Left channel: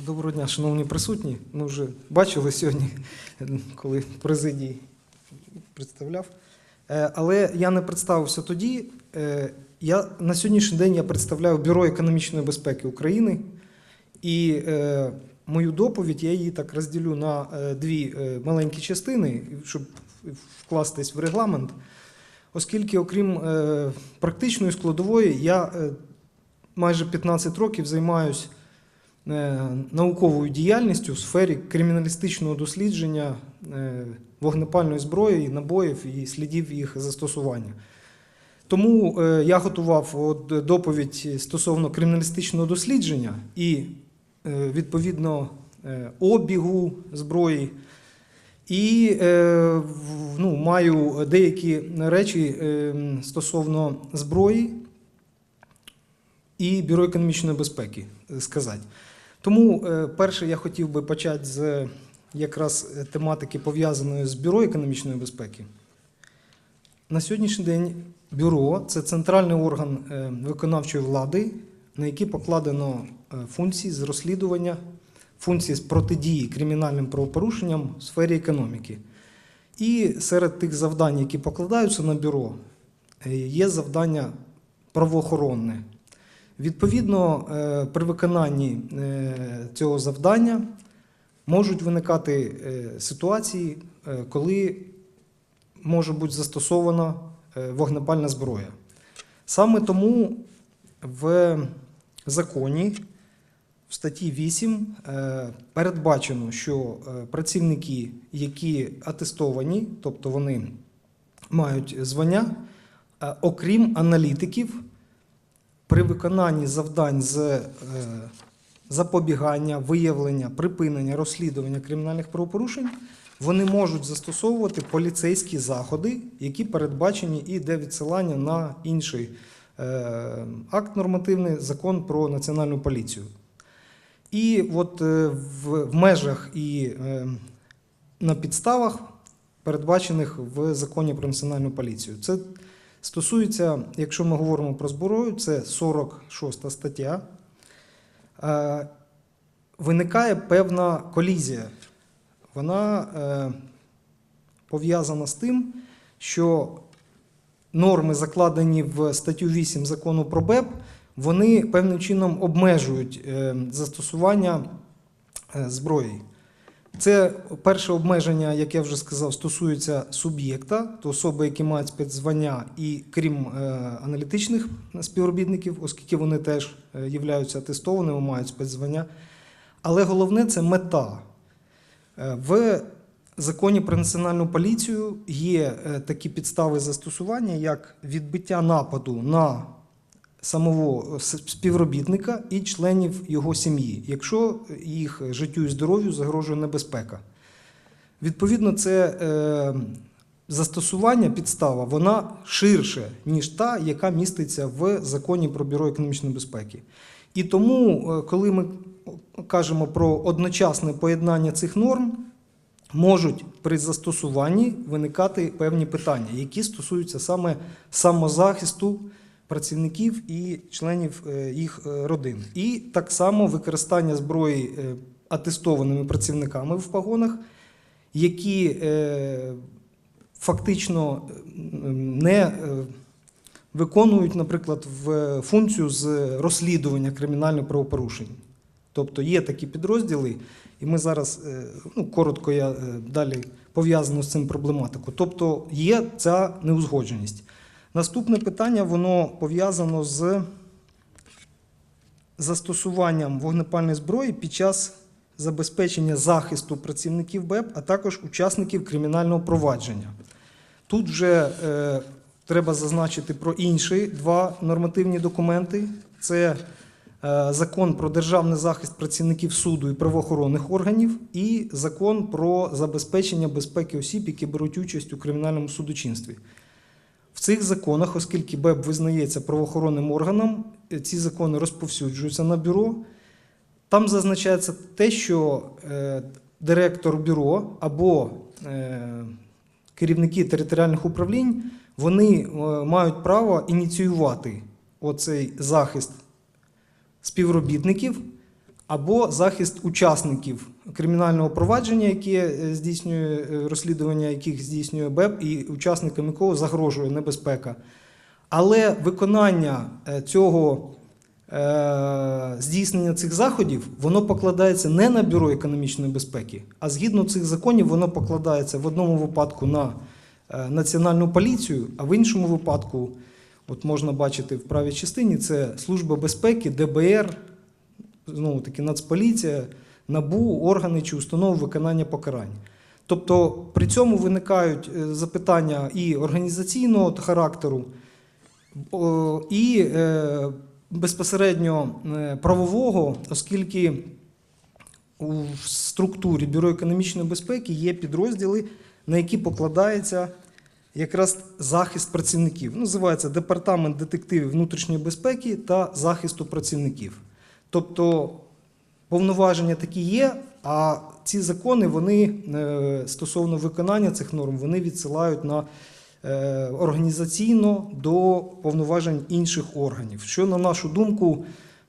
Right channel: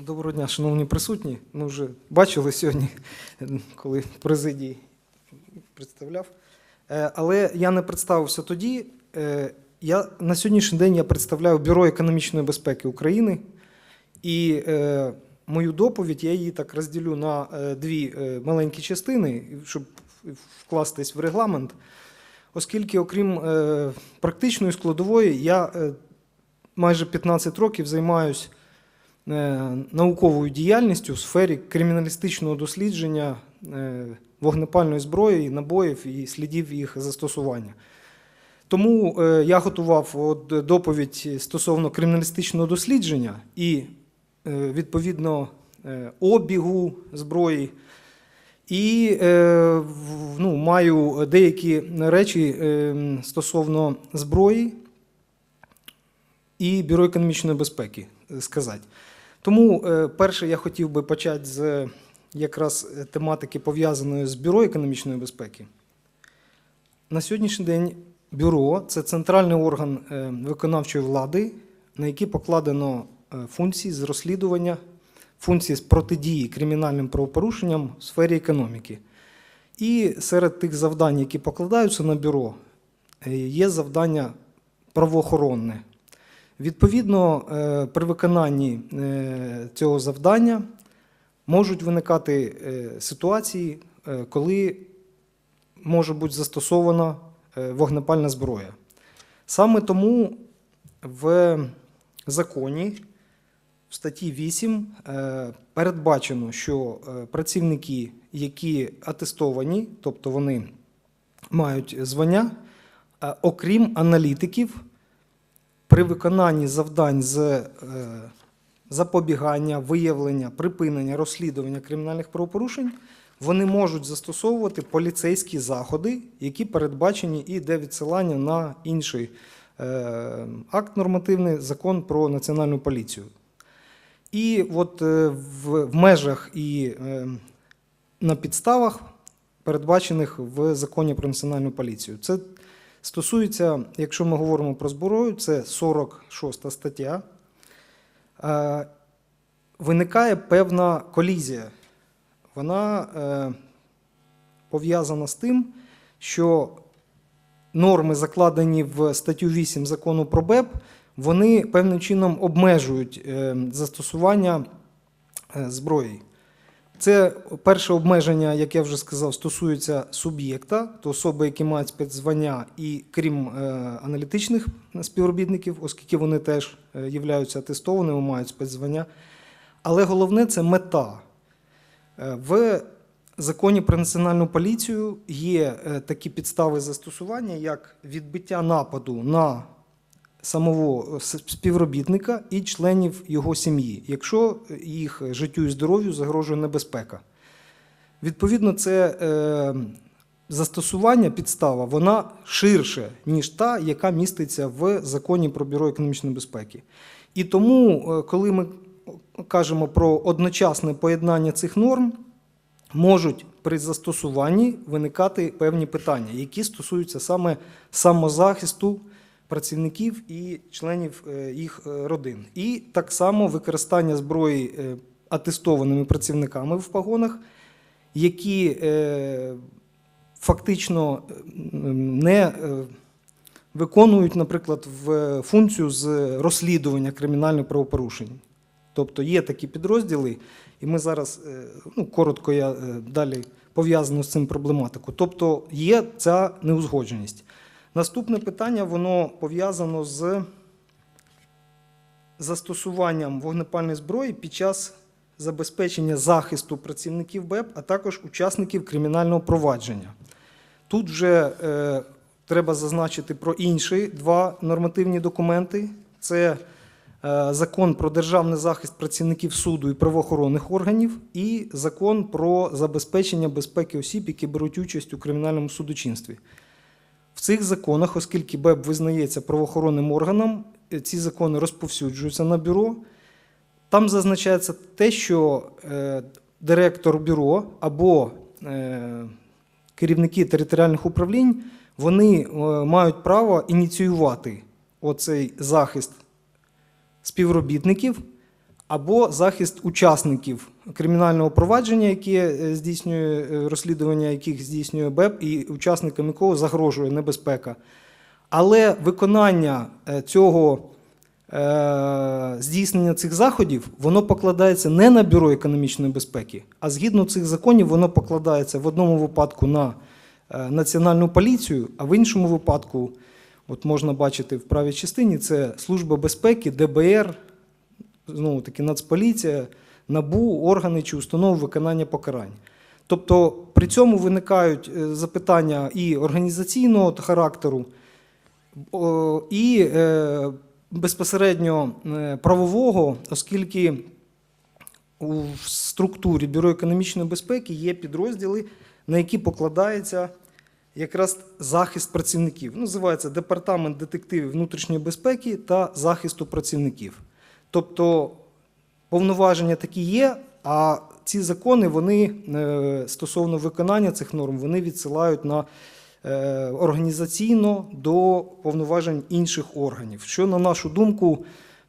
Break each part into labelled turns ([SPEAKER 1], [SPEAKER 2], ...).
[SPEAKER 1] Доброго дня, шановні присутні. Ми вже бачили сьогодні, коли в президії представляв. Е, Але я не представився тоді. Е, Я, на сьогоднішній день я представляю Бюро економічної безпеки України. І е, мою доповідь я її так розділю на дві маленькі частини, щоб вкластись в регламент. Оскільки, окрім практичної складової, я майже 15 років займаюся науковою діяльністю в сфері криміналістичного дослідження е, вогнепальної зброї, набоїв і слідів їх застосування. Тому е, я готував доповідь стосовно криміналістичного дослідження і е, відповідно е, обігу зброї. І е, ну, маю деякі речі е, стосовно зброї і Бюро економічної безпеки е, сказати. Тому е, перше я хотів би почати з якраз е, тематики пов'язаної з Бюро економічної безпеки. На сьогоднішній день бюро це центральний орган е, виконавчої влади, на який покладено е, функції з розслідування, функції з протидії кримінальним правопорушенням в сфері економіки. І серед тих завдань, які покладаються на бюро, е, є завдання правоохоронне. Відповідно, е, при виконанні е, цього завдання можуть виникати е, ситуації, коли може бути застосована вогнепальна зброя. Саме тому в законі в статті 8 е, передбачено, що працівники, які атестовані, тобто вони мають звання, окрім аналітиків, при виконанні завдань з е, запобігання, виявлення, припинення, розслідування кримінальних правопорушень, вони можуть застосовувати поліцейські заходи, які передбачені і йде відсилання на інший е, акт нормативний закон про національну поліцію. І от е, в, межах і на підставах, передбачених в законі про національну поліцію. Це стосується, якщо ми говоримо про зброю, це 46 стаття. Е, Виникає певна колізія. Вона е, пов'язана з тим, що норми, закладені в статтю 8 закону про БЕП, вони певним чином обмежують е, застосування зброї. Це перше обмеження, як я вже сказав, стосується суб'єкта, то особи, які мають спецзвання, і крім е, аналітичних співробітників, оскільки вони теж е, являються атестованими, мають спецзвання. Але головне це мета. Е, В законі про національну поліцію є такі підстави застосування, як відбиття нападу на самого співробітника і членів його сім'ї, якщо їх життю і здоров'ю загрожує небезпека. Відповідно, це е, застосування, підстава, вона ширше, ніж та, яка міститься в законі про бюро економічної безпеки. І тому, е, коли ми кажемо про одночасне поєднання цих норм, можуть при застосуванні виникати певні питання, які стосуються саме самозахисту працівників і членів е, їх е, родин. І так само використання зброї е, атестованими працівниками в погонах, які фактично не виконують, наприклад, в функцію з розслідування кримінальних правопорушень. Тобто є такі підрозділи, і ми зараз ну, коротко я далі пов'язано з цим проблематику. Тобто є ця неузгодженість. Наступне питання воно пов'язано з застосуванням вогнепальної зброї під час забезпечення захисту працівників БЕП, а також учасників кримінального провадження. Тут вже е, треба зазначити про інші два нормативні документи. Це е, закон про державний захист працівників суду і правоохоронних органів, і закон про забезпечення безпеки осіб, які беруть участь у кримінальному судочинстві. В цих законах, оскільки БЕБ визнається правоохоронним органом, е, ці закони розповсюджуються на бюро. Там зазначається те, що е, директор бюро або е, керівники територіальних управлінь вони мають право ініціювати оцей захист співробітників або захист учасників кримінального провадження, яке здійснює е, розслідування, яких здійснює БЕП, і учасникам якого загрожує небезпека. Але виконання е, цього е, здійснення цих заходів воно покладається не на бюро економічної безпеки, а згідно цих законів воно покладається в одному випадку на національну поліцію, а в іншому випадку, от можна бачити в правій частині, це Служба безпеки, ДБР, знову таки Нацполіція, НАБУ, органи чи установи виконання покарань. Тобто при цьому виникають е, запитання і організаційного характеру, і е, безпосередньо е, правового, оскільки у структурі Бюро економічної безпеки є підрозділи, на які покладається якраз захист працівників. Називається Департамент детективів внутрішньої безпеки та захисту працівників. Тобто повноваження такі є, а ці закони вони е, стосовно виконання цих норм вони відсилають на е, організаційно до повноважень інших органів, що, на нашу думку,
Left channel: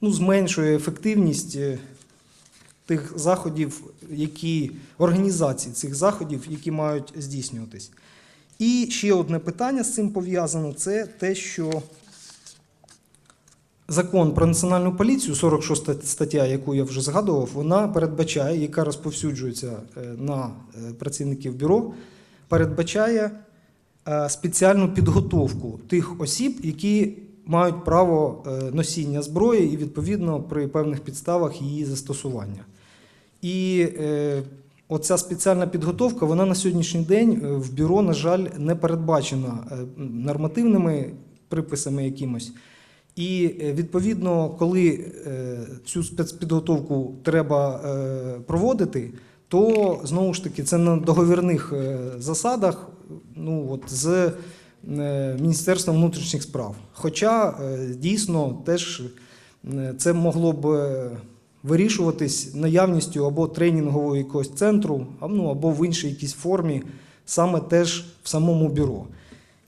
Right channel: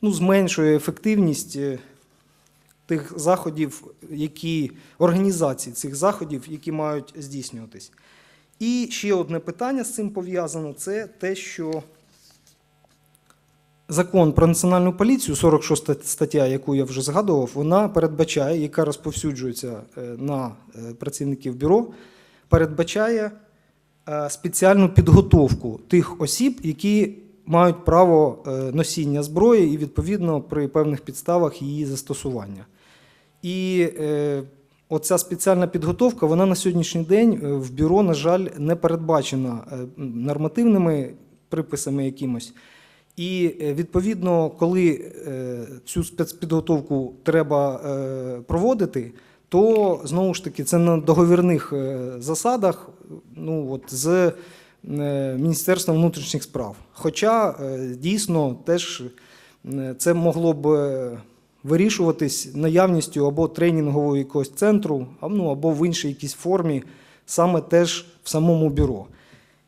[SPEAKER 1] ну, зменшує ефективність е, тих заходів, які організації цих заходів, які мають здійснюватись. І ще одне питання з цим пов'язано: це те, що закон про національну поліцію, 46 стаття, яку я вже згадував, вона передбачає, яка розповсюджується е, на е, працівників бюро, передбачає е, спеціальну підготовку тих осіб, які мають право носіння зброї і відповідно при певних підставах її застосування. І оця спеціальна підготовка, вона на сьогоднішній день в бюро, на жаль, не передбачена нормативними приписами якимось. І е, відповідно, коли е, цю спецпідготовку треба е, проводити, то знову ж таки це на договірних засадах ну, от, з Міністерством внутрішніх справ. Хоча дійсно теж це могло б вирішуватись наявністю або тренінгового якогось центру, ну, або в іншій якійсь формі, саме теж в самому бюро.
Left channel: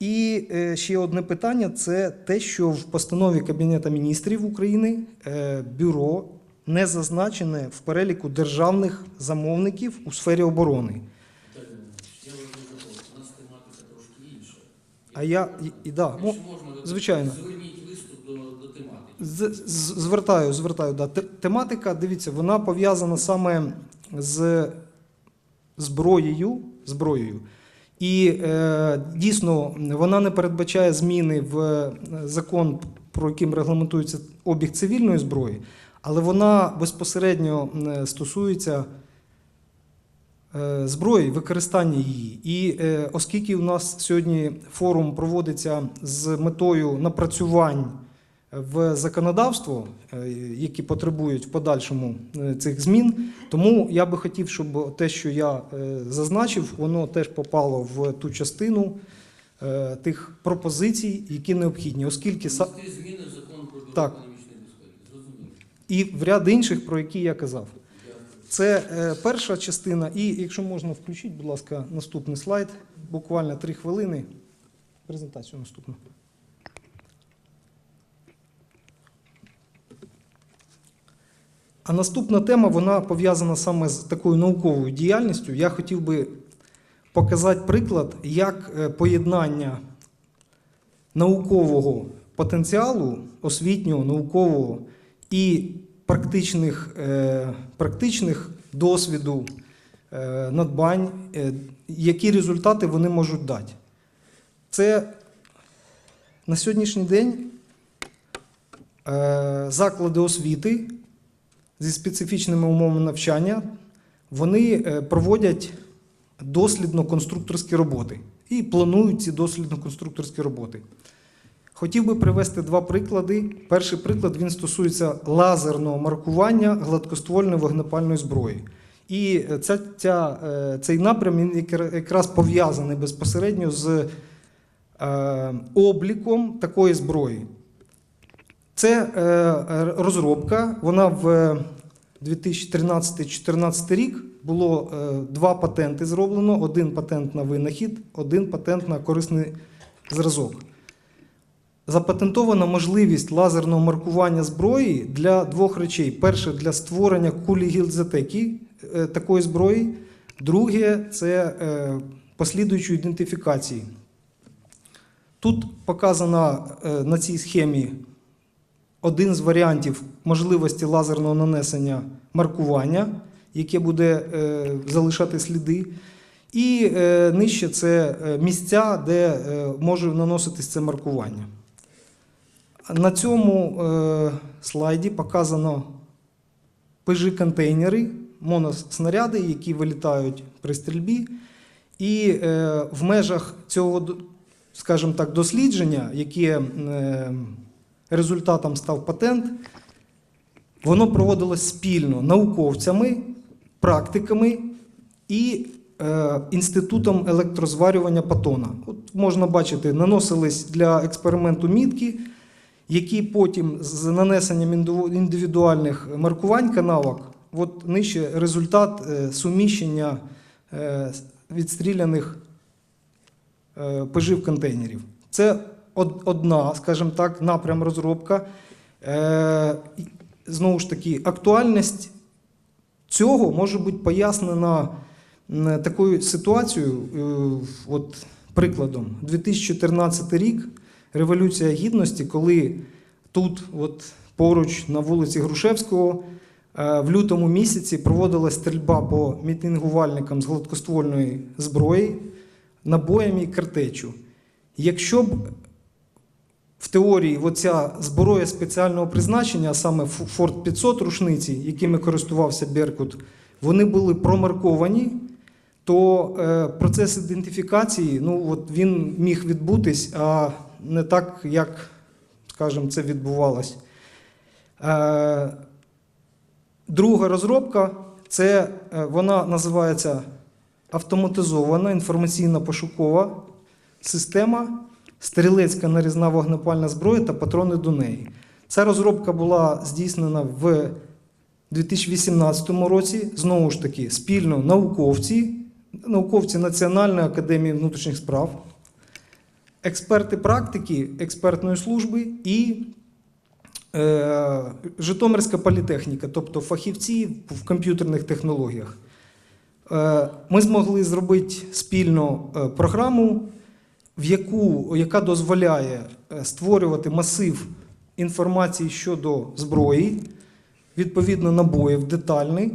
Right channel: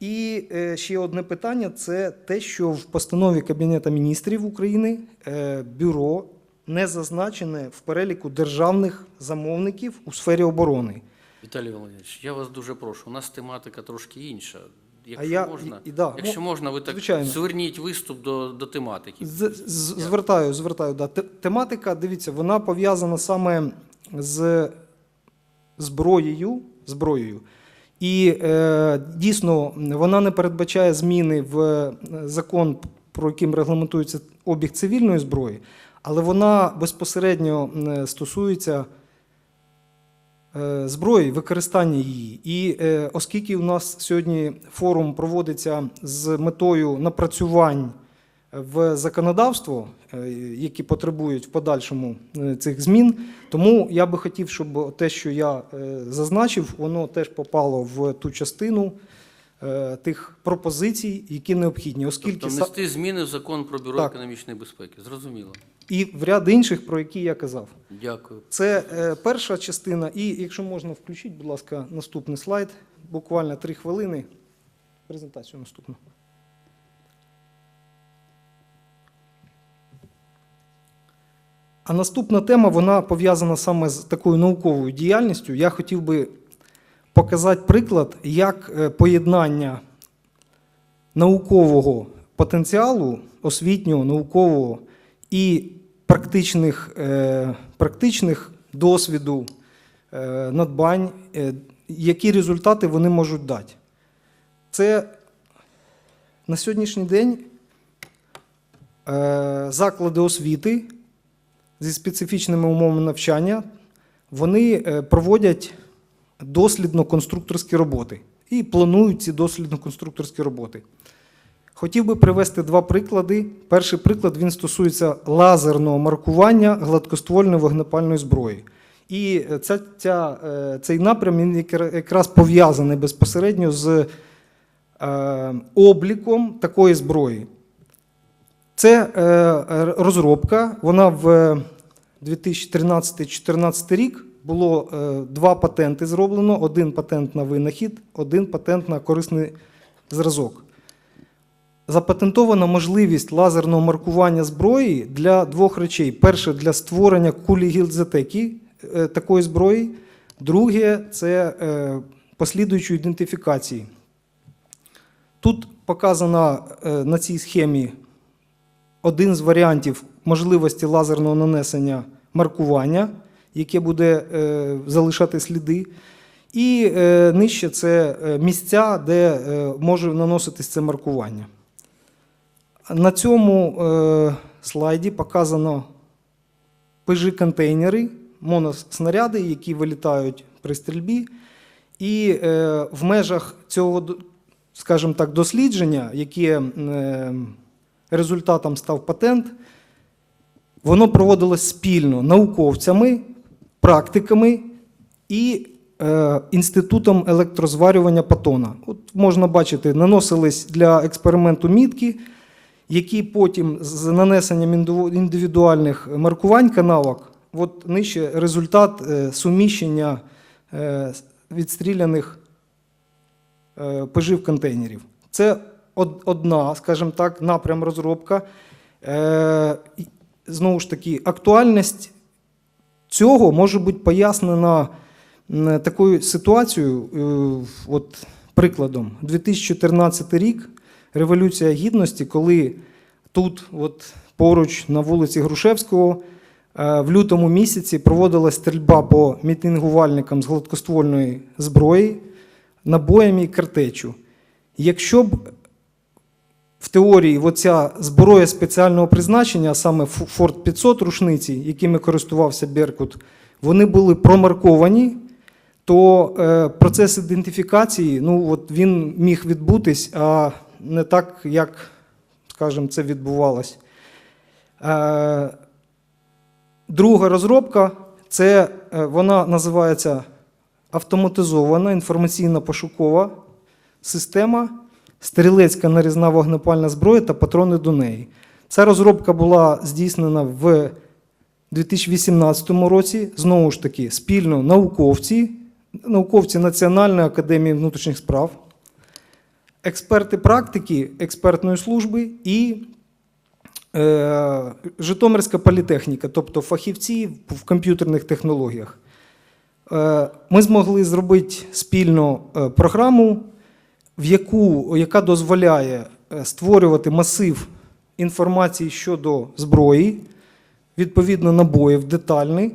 [SPEAKER 1] І е, ще одне питання це те, що в постанові Кабінету міністрів України е, бюро не зазначене в переліку державних замовників у сфері оборони.
[SPEAKER 2] Віталій Володимирович, я вас дуже прошу. У нас тематика трошки інша.
[SPEAKER 1] А
[SPEAKER 2] Якщо
[SPEAKER 1] я
[SPEAKER 2] можна,
[SPEAKER 1] і, і, да,
[SPEAKER 2] якщо
[SPEAKER 1] ну,
[SPEAKER 2] можна, ви так
[SPEAKER 1] звичайно.
[SPEAKER 2] зверніть виступ до, до тематики.
[SPEAKER 1] З, з- звертаю, звертаю. Да. Тематика, дивіться, вона пов'язана саме з зброєю. зброєю. І е, дійсно вона не передбачає зміни в е, закон, про яким регламентується обіг цивільної зброї, але вона безпосередньо е, стосується е, зброї, використання її. І е, оскільки у нас сьогодні форум проводиться з метою напрацювань в законодавство, е, які потребують в подальшому е, цих змін. Тому я би хотів, щоб те, що я е, зазначив, воно теж попало в ту частину тих пропозицій, які необхідні, оскільки
[SPEAKER 2] Тобто внести зміни в закон про бюро
[SPEAKER 1] Так.
[SPEAKER 2] економічної безпеки. Зрозуміло.
[SPEAKER 1] і в ряд інших, про які я казав.
[SPEAKER 2] Дякую.
[SPEAKER 1] Це е, перша частина. І якщо можна включіть, будь ласка, наступний слайд. Буквально три хвилини. Презентацію наступну. А наступна тема вона пов'язана саме з такою науковою діяльністю. Я хотів би показати приклад, як е, поєднання наукового потенціалу, освітнього, наукового і практичних, е, практичних досвіду, е, надбань, які результати вони можуть дати. Це на сьогоднішній день заклади освіти зі специфічними умовами навчання, вони е, проводять дослідно-конструкторські роботи і планують ці дослідно-конструкторські роботи. Хотів би привести два приклади. Перший приклад він стосується лазерного маркування гладкоствольної вогнепальної зброї. І е, ця, ця, е, цей напрям він якраз пов'язаний безпосередньо з е, обліком такої зброї. Це е, е, розробка. Вона в 2013-2014 рік було е, два патенти зроблено: один патент на винахід, один патент на корисний зразок. запатентована можливість лазерного маркування зброї для двох речей: перше для створення кулі гілзатеки е, такої зброї, друге це послідуючої ідентифікації. Тут показано е, на цій схемі один з варіантів можливості лазерного нанесення маркування, яке буде е, залишати сліди. І е, нижче це е, місця, де може наноситись це маркування. На цьому слайді показано пижі-контейнери, моноснаряди, які вилітають при стрільбі. І в межах цього, скажімо так, дослідження, яке результатом став патент, воно проводилось спільно науковцями, практиками і е, інститутом електрозварювання Патона. От можна бачити, наносились для експерименту мітки, які потім з нанесенням індивідуальних маркувань канавок, от нижче результат е, суміщення е, відстріляних е, пижів контейнерів. Це одна, скажімо так, напрям розробка. Е, Знову ж таки, актуальність цього може бути пояснена такою ситуацією, е, от прикладом, 2014 рік, Революція Гідності, коли тут, от поруч на вулиці Грушевського, е, в лютому місяці проводилась стрільба по мітингувальникам з гладкоствольної зброї, набоями і картечу. Якщо б в теорії оця зброя спеціального призначення, саме Форт 500 рушниці, якими користувався Беркут, вони були промарковані, то е, процес ідентифікації ну, от він міг відбутись, а не так, як, скажімо, це відбувалось. Е, друга розробка це е, вона називається автоматизована інформаційно-пошукова система стрілецька нарізна вогнепальна зброя та патрони до неї. Ця розробка була здійснена в 2018 році. Знову ж таки, спільно науковці, науковці Національної академії внутрішніх справ, експерти практики експертної служби і е, Житомирська політехніка, тобто фахівці в комп'ютерних технологіях. Е, Ми змогли зробити спільно е, програму, в яку, яка дозволяє е, створювати масив інформації щодо зброї, відповідно набоїв детальний.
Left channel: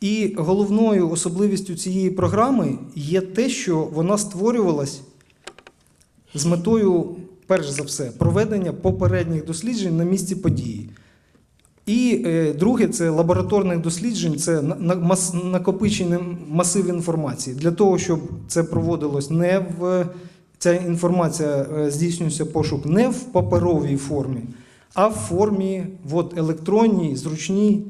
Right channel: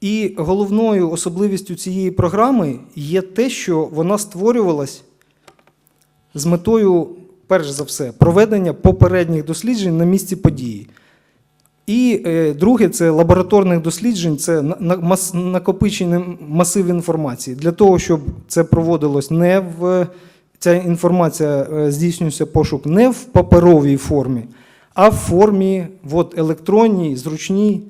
[SPEAKER 1] І головною особливістю цієї програми є те, що вона створювалась з метою, перш за все, проведення попередніх досліджень на місці події. І е, друге це лабораторних досліджень, це на- на- мас, накопичений масив інформації. Для того, щоб це проводилось не в ця інформація е, здійснюється пошук не в паперовій формі, а в формі от, електронній, зручній.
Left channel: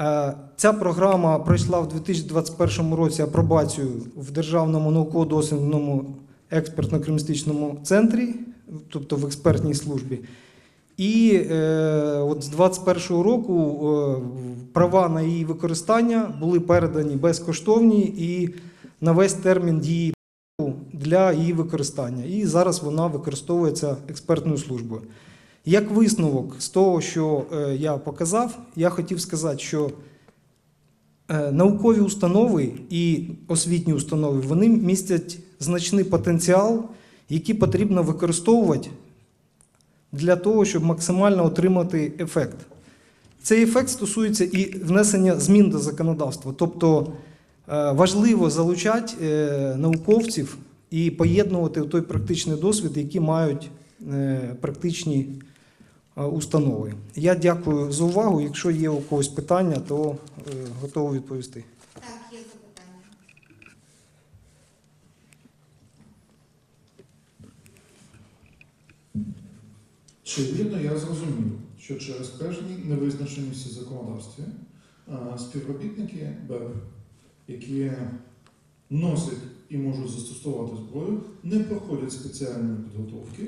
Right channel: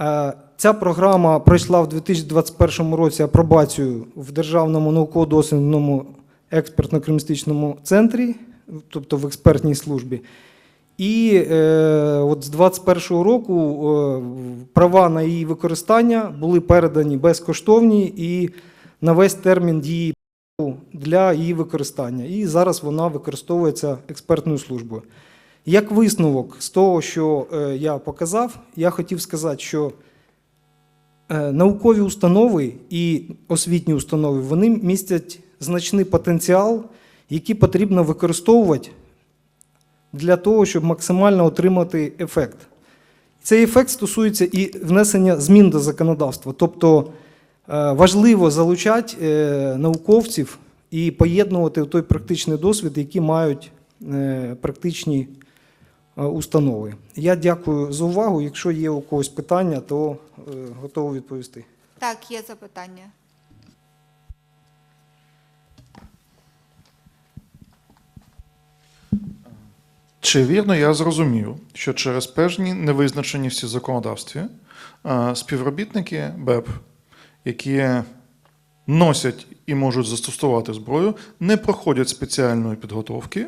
[SPEAKER 1] Е, Ця програма пройшла в 2021 році апробацію в Державному науково-дослідному експертно-кримістичному центрі, тобто в експертній службі. І е, от з 2021 року е, права на її використання були передані безкоштовні і на весь термін дії для її використання. І зараз вона використовується експертною службою. Як висновок з того, що е, я показав, я хотів сказати, що е, наукові установи і освітні установи вони містять значний потенціал, який потрібно використовувати для того, щоб максимально отримати ефект. Цей ефект стосується і внесення змін до законодавства. Тобто важливо залучати е, науковців і поєднувати той практичний досвід, який мають е, практичні е, установи. Я дякую за увагу. Якщо є у когось питання, то е, готовий відповісти.
[SPEAKER 3] Так, є запитання.
[SPEAKER 4] Чи вірно я зрозумів, що через певні невизначеності в законодавстві е, співробітники БЕП, які носять і можуть застосувати зброю, не проходять спеціальної підготовки,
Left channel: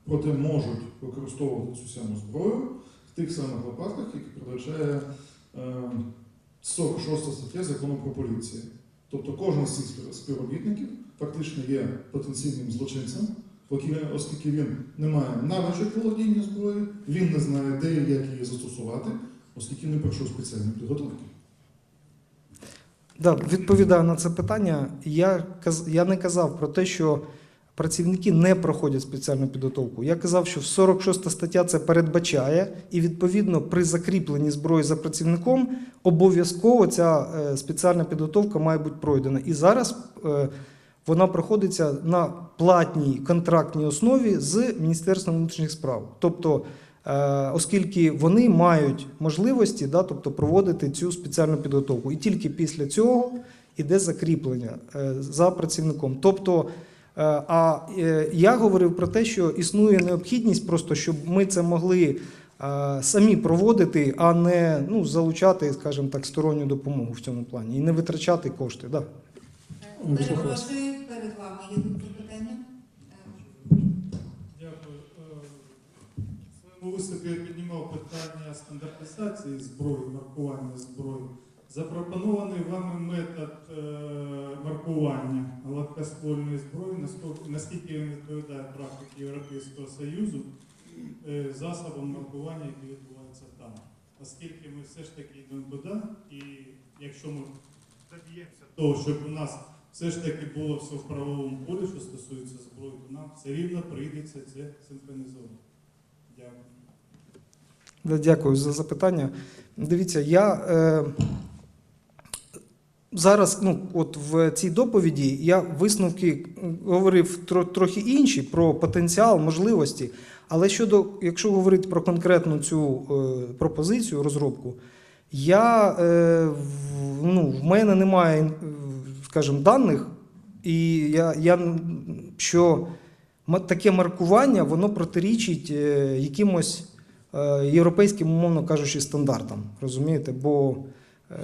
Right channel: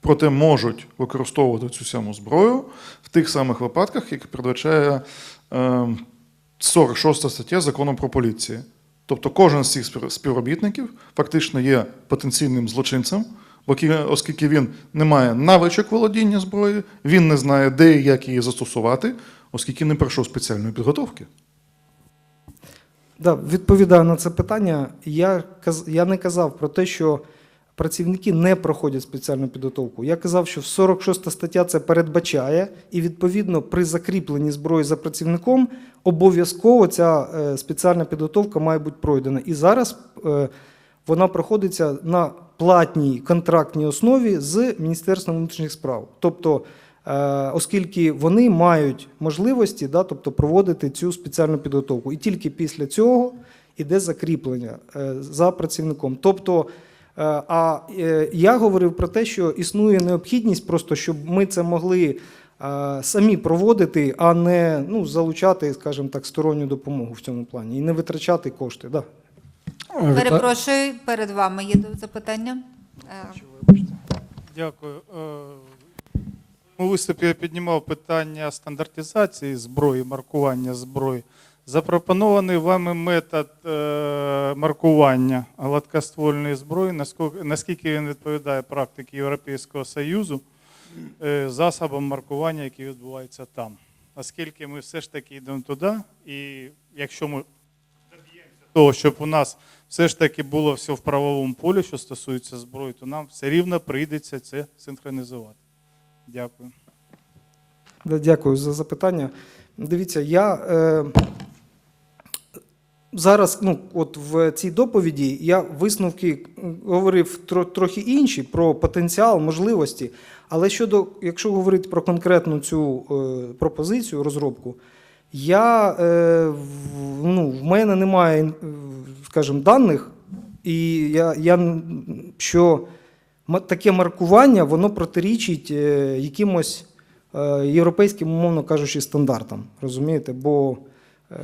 [SPEAKER 4] проте можуть використовувати цю саму зброю в тих самих випадках, які передбачає е, 46 стаття закону про поліцію. Тобто кожен з цих співробітників фактично є потенційним злочинцем оскільки він не має навичок володіння зброєю, він не знає, де і як її застосувати, оскільки не пройшов спеціальної підготовки.
[SPEAKER 1] Да, відповідаю на це питання. Я, каз- я не казав про те, що працівники не проходять спеціальну підготовку. Я казав, що 46 стаття це передбачає, і відповідно при закріпленні зброї за працівником обов'язково ця е, спеціальна підготовка має бути пройдена. І зараз е, вона проходиться на платній контрактній основі з Міністерством внутрішніх справ. Тобто, оскільки вони мають можливості да, тобто проводити цю спеціальну підготовку. І тільки після цього йде закріплення е, за працівником. Тобто, е, а е, я говорив про те, що існує необхідність просто, щоб ми це могли е, самі проводити, а не ну, залучати, скажімо так, сторонню допомогу в цьому плані і не витрачати кошти. Да.
[SPEAKER 3] Перепрошую, перед вами є запитання. Е,
[SPEAKER 5] Дякую. Е, У виступі я піднімав питання стандартизації зброї, маркування зброї. Запропонований вами метод е, маркування гладкоствольної зброї, наскільки- наскільки він відповідає практиці Європейського Союзу, е, засобам маркування, які відбуваються там. Наскільки ми все ж таки йдемо туди, і якщо ми доб'ємося того, щоб у нас все ж таки було все в правовому полі, що стосується зброї, то нам все рівно прийдеться це синхронізувати. Дякую.
[SPEAKER 1] Дякую за запитання. Дивіться, я е, зараз, ну, от в цій доповіді я висновки говорив тро, трохи інші про потенціал, можливості. Але щодо, якщо говорити про конкретну цю е, пропозицію, розробку, я, е, в, ну, в мене немає, скажімо, даних, і я, я що таке маркування воно протирічить е, якимось е, європейським, умовно кажучи, стандартам. Розумієте? Бо е,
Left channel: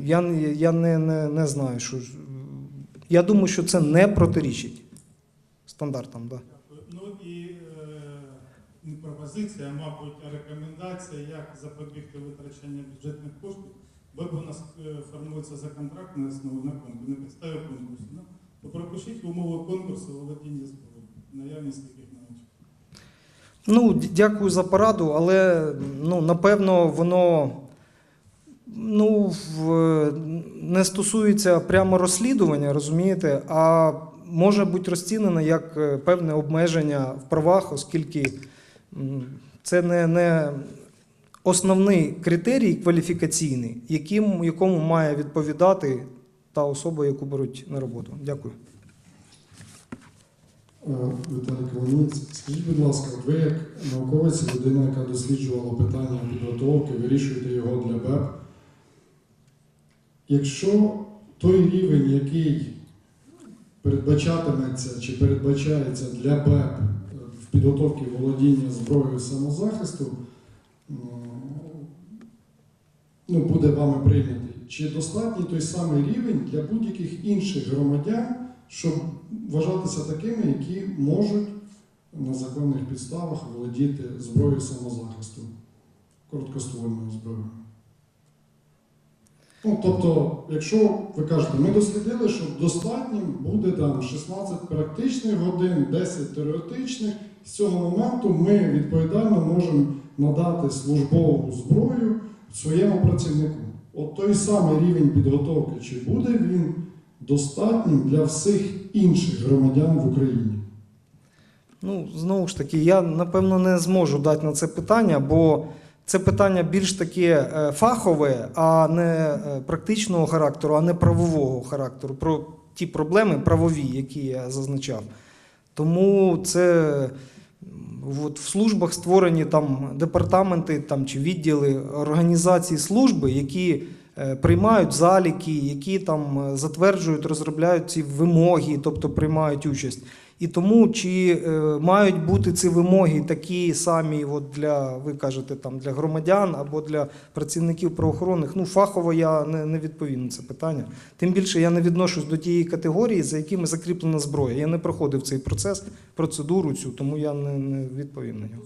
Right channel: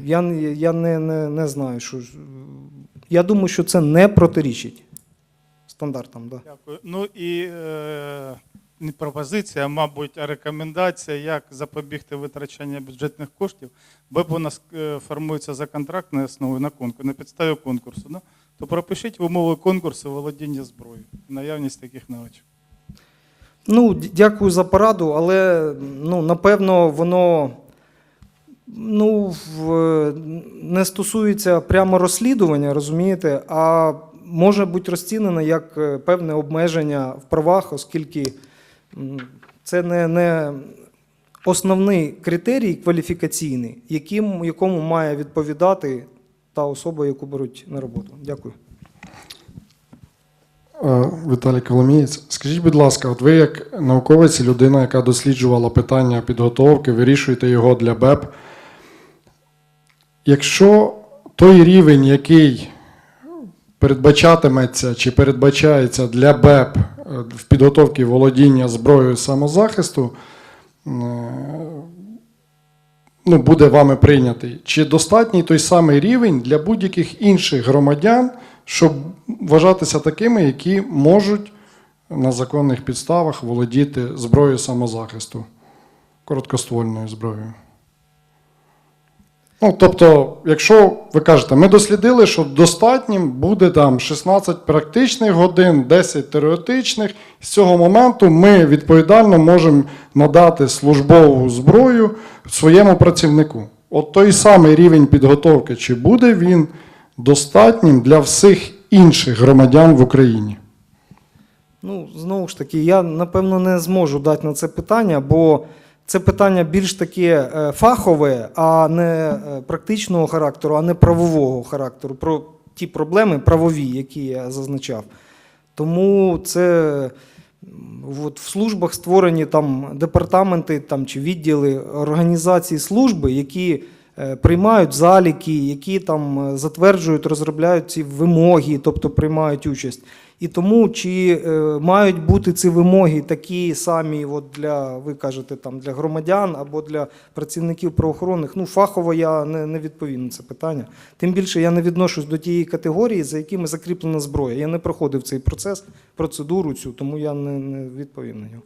[SPEAKER 1] я, я не, не, не знаю, що. Я думаю, що це не протирічить стандартам. Да.
[SPEAKER 5] Дякую. Ну і е, не пропозиція, мабуть, а рекомендація, як запобігти витрачанню бюджетних коштів, БЕП у нас формується за контрактною основою на конкурс, на підставі конкурсу. Да? То пропишіть в умови конкурсу володіння зброєю, наявність таких навичок.
[SPEAKER 1] Ну, дякую за пораду, але ну, напевно, воно ну, не стосується прямо розслідування, розумієте, а може бути розцінено як е, певне обмеження в правах, оскільки це не, не основний критерій кваліфікаційний, яким, якому має відповідати та особа, яку беруть на роботу. Дякую.
[SPEAKER 6] Е, Віталій Коломієць, скажіть, будь ласка, от ви як науковець, людина, яка досліджувала питання підготовки, вирішуєте його для БЕП. Якщо той рівень, який передбачатиметься чи передбачається для БЕП е, в підготовці володіння зброєю самозахисту, е, ну, буде вами прийнятий, чи достатній той самий рівень для будь-яких інших громадян, щоб вважатися такими, які можуть на законних підставах володіти зброєю самозахисту, короткоствольною зброєю. Ну, тобто, якщо ви кажете, ми дослідили, що достатнім буде там 16 практичних годин, 10 теоретичних, з цього моменту ми відповідально можемо надати службову зброю своєму працівнику. От той самий рівень підготовки, чи буде він достатнім для всіх інших громадян в Україні?
[SPEAKER 1] Ну, знову ж таки, я напевно не зможу дати на це питання, бо це питання більш таке е, фахове, а не е, практичного характеру, а не правового характеру. Про ті проблеми правові, які я зазначав. Тому це от в службах створені там департаменти там, чи відділи організації служби, які е, приймають заліки, які там затверджують, розробляють ці вимоги, тобто приймають участь. І тому чи е, мають бути ці вимоги такі самі, от для ви кажете, там для громадян або для працівників правоохоронних, ну фахово я не, не відповім на це питання. Тим більше я не відношусь до тієї категорії, за якими закріплена зброя. Я не проходив цей процес, процедуру цю, тому я не, не відповім на нього.